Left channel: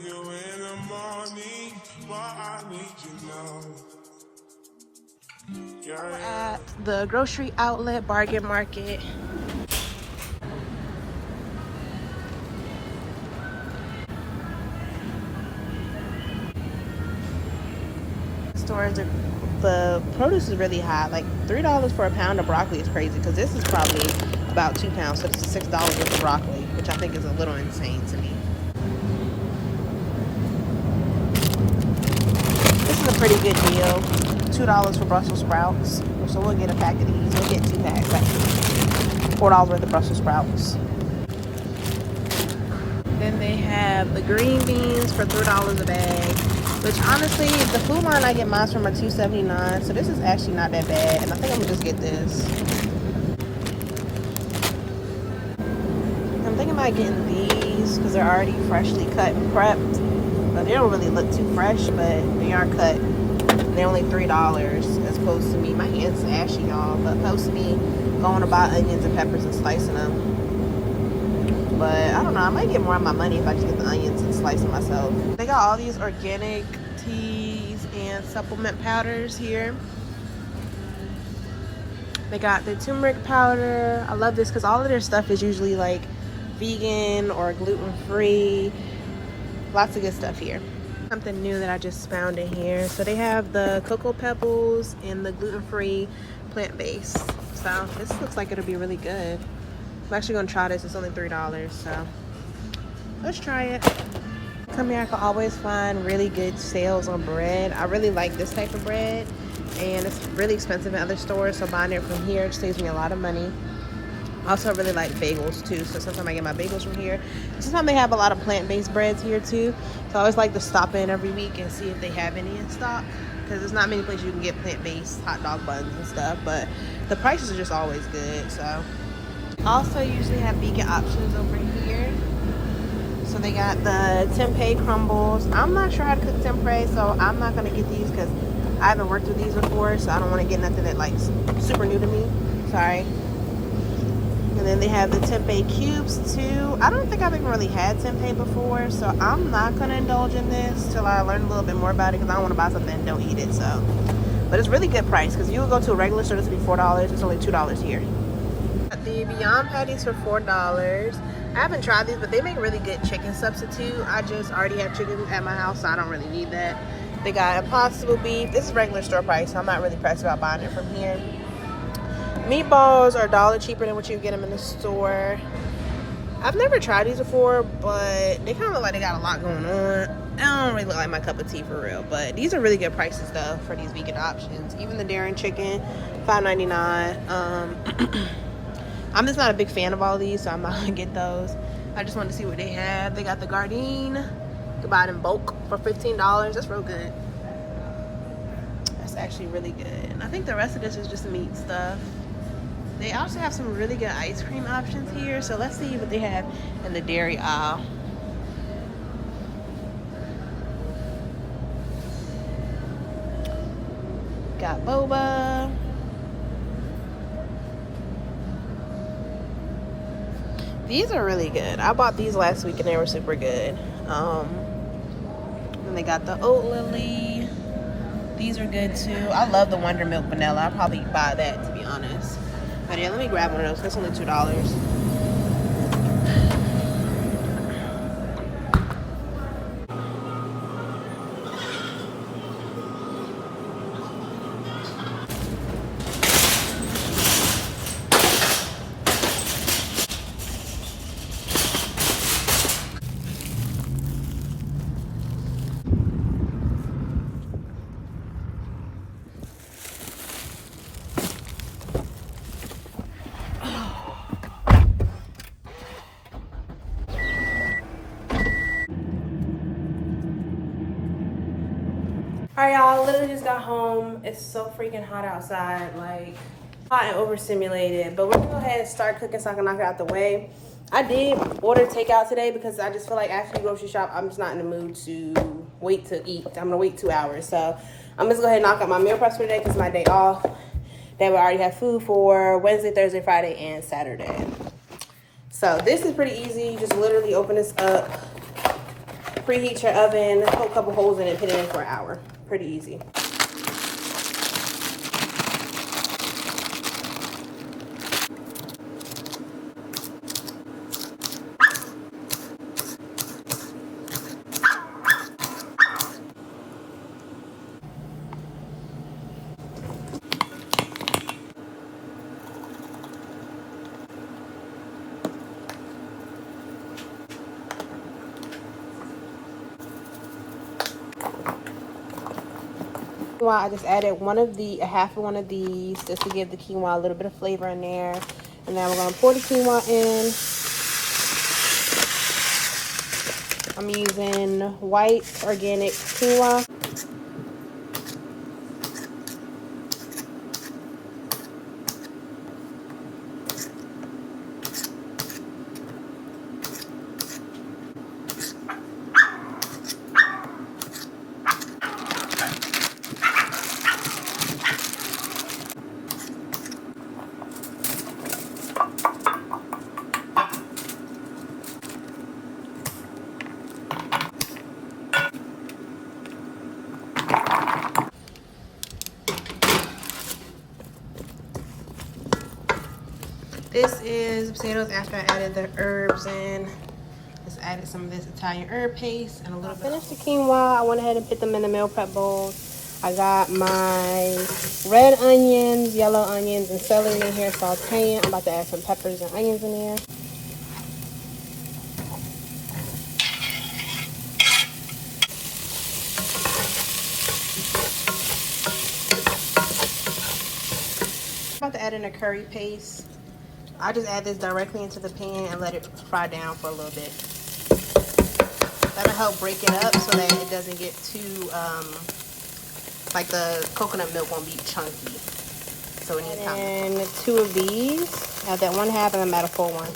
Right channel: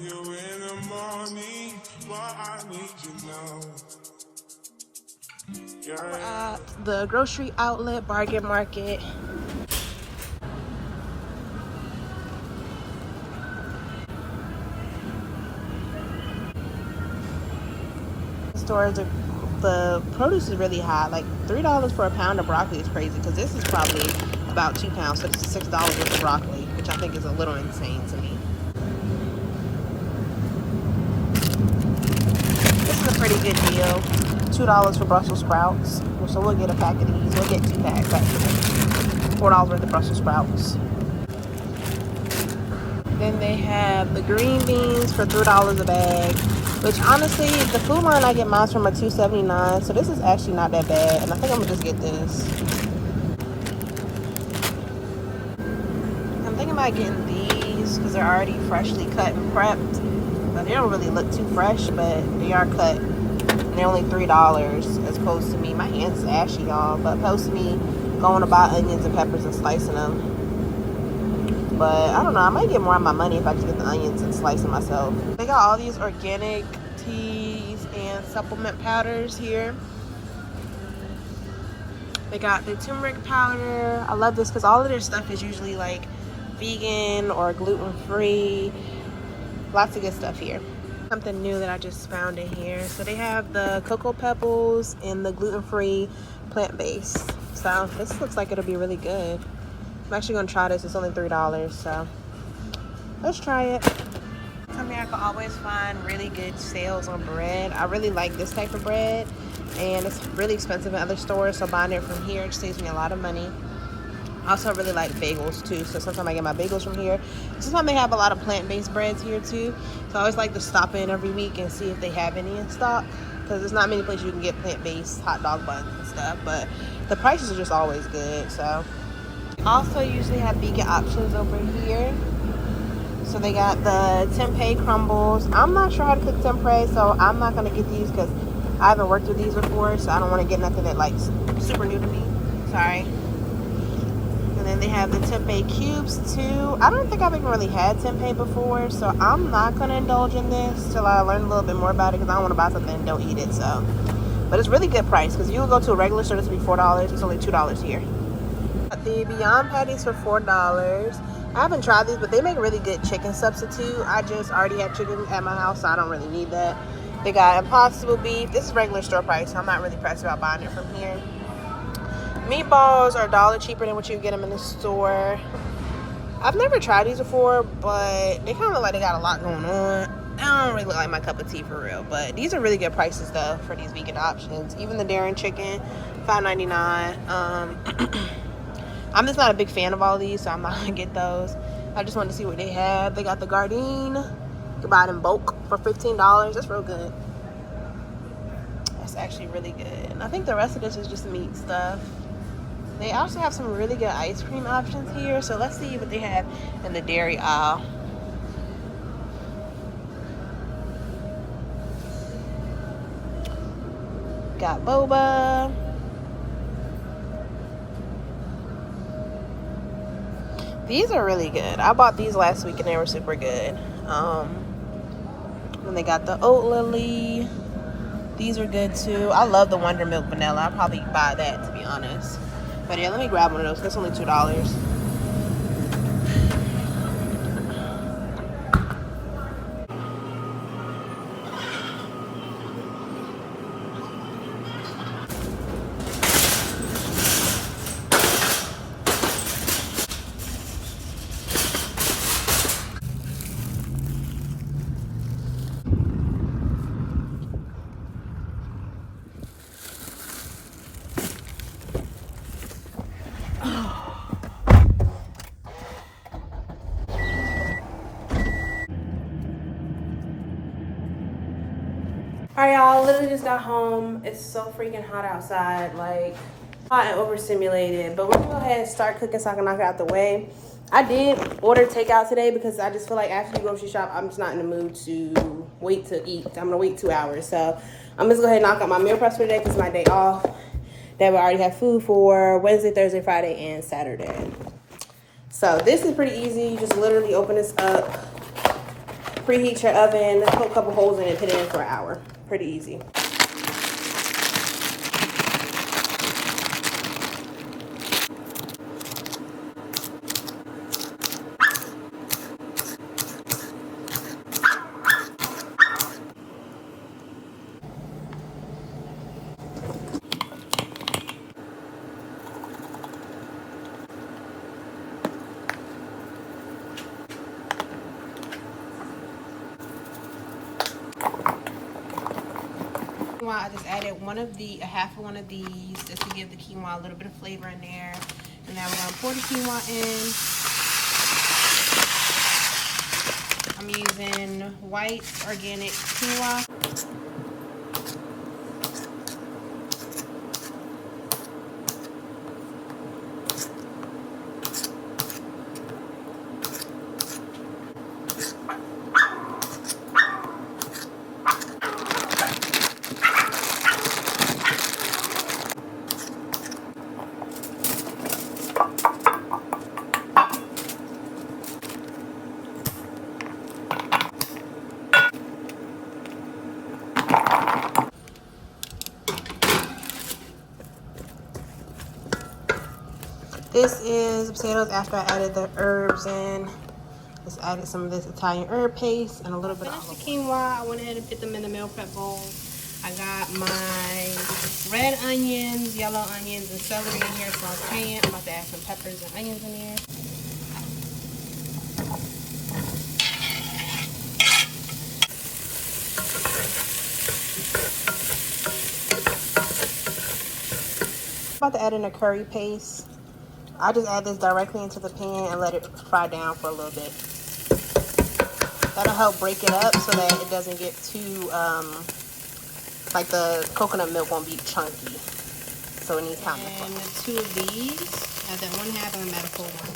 you in the morning, but I need you now. We're at the grocery outlet bargain market. Stores are, the produce is really high. Like $3 for a pound of broccoli is crazy because this is probably about 2 pounds, so this is $6 worth of broccoli, which I think is a little insane to me. This is a pretty good deal. $2 for Brussels sprouts. So we'll get a pack of these. We'll get 2 packs actually. $4 worth of Brussels sprouts. Then they have the green beans for $3 a bag. Which honestly, the food line I get mine from a $2.79, so this is actually not that bad. And I think I'm gonna just get this. I'm thinking about getting these because they're already freshly cut and prepped. But they don't really look too fresh, but they are cut. And they're only $3 as opposed to me. My hands are ashy, y'all, but opposed to me going to buy onions and peppers and slicing them. But I don't know, I might get more of my money if I just get the onions and slice them myself. They got all these organic teas and supplement powders here. They got their turmeric powder. I love this because all of their stuff is usually like vegan or gluten-free. Lots of good stuff here. Something new that I just found in here. So they have the cocoa pebbles and the gluten-free plant-based. So this looks like it'll be really good. I'm actually gonna try this. It's only $3, so let's try it. Come here, I can always find really good sales on bread. I really like this type of bread, and it's really expensive in other stores, so buying it from here saves me a lot of money. I also really like bagels too, so sometimes I get my bagels from here. Sometimes they have a lot of plant-based breads here too, so I always like to stop in every week and see if they have any in stock, because there's not many places you can get plant-based hot dog buns and stuff, but the prices are just always good. So also usually have vegan options over here. So they got the tempeh crumbles. I'm not sure how to cook tempeh, so I'm not gonna get these because I haven't worked with these before, so I don't want to get nothing that like super new to me. Sorry. And then they have the tempeh cubes too. I don't think I've even really had tempeh before, so I'm not gonna indulge in this till I learn a little bit more about it because I don't want to buy something and don't eat it. So, but it's really good price because you will go to a regular store, this would be $4. It's only $2 here. The Beyond Patties for $4. I haven't tried these, but they make really good chicken substitute. I just already have chicken at my house, so I don't really need that. They got Impossible beef. This is regular store price, so I'm not really pressed about buying it from here. Meatballs are $1 cheaper than what you get them in the store. I've never tried these before, but they kind of look like they got a lot going on. I don't really look like my cup of tea for real, but these are really good prices though for these vegan options. Even the Darren chicken, $5.99. I'm just not a big fan of all these, so I'm not gonna get those. I just wanted to see what they have. They got the Gardein. You can buy it in bulk for $15. That's real good. That's actually really good. And I think the rest of this is just meat stuff. They also have some really good ice cream options here. So let's see what they have in the dairy aisle. Got boba. These are really good. I bought these last week and they were super good. Then they got the oat lily. These are good too. I love the Wonder Milk vanilla. I'll probably buy that, to be honest. But yeah, let me grab one of those. That's only $2. All right, y'all, literally just got home. It's so freaking hot outside, like hot and overstimulated. But we're gonna go ahead and start cooking so I can knock it out the way. I did order takeout today because I just feel like after you grocery shop, I'm just not in the mood to wait to eat. I'm gonna wait 2 hours. So I'm just gonna go ahead and knock out my meal prep for today because it's my day off. That we already have food for Wednesday, Thursday, Friday, and Saturday. So this is pretty easy. You just literally open this up. preheat your oven, poke a couple holes in it, and put it in for an hour. Pretty easy. I just added a half of one of these just to give the quinoa a little bit of flavor in there. And then we're gonna pour the quinoa in. I'm using white organic quinoa. This is potatoes after I added the herbs in. Just added some of this Italian herb paste and a little bit. Finished the quinoa. I went ahead and put them in the meal prep bowl. I got my red onions, yellow onions, and celery in here sauteing. I'm about to add some peppers and onions in there. I'm about to add in a curry paste. I just add this directly into the pan and let it fry down for a little bit. That'll help break it up so that it doesn't get too, like the coconut milk won't be chunky. So it needs time. And 2 of these. Add that 1/2 and I'm at a full one.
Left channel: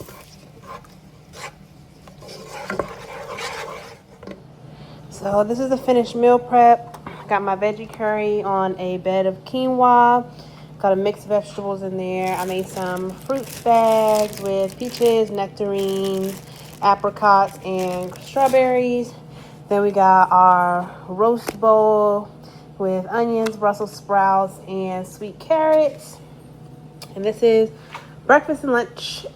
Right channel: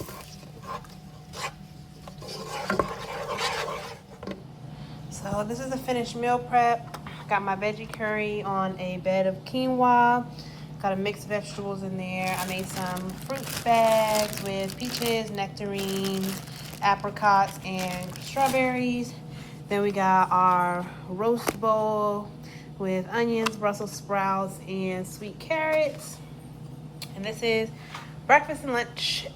So this is the finished meal prep. Got my veggie curry on a bed of quinoa. Got a mixed vegetables in there. I made some fruit bags with peaches, nectarines, apricots, and strawberries. Then we got our roast bowl with onions, Brussels sprouts, and sweet carrots. And this is breakfast and lunch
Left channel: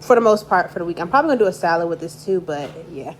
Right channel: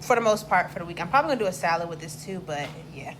for the most part for the week. I'm probably gonna do a salad with this too, but yeah.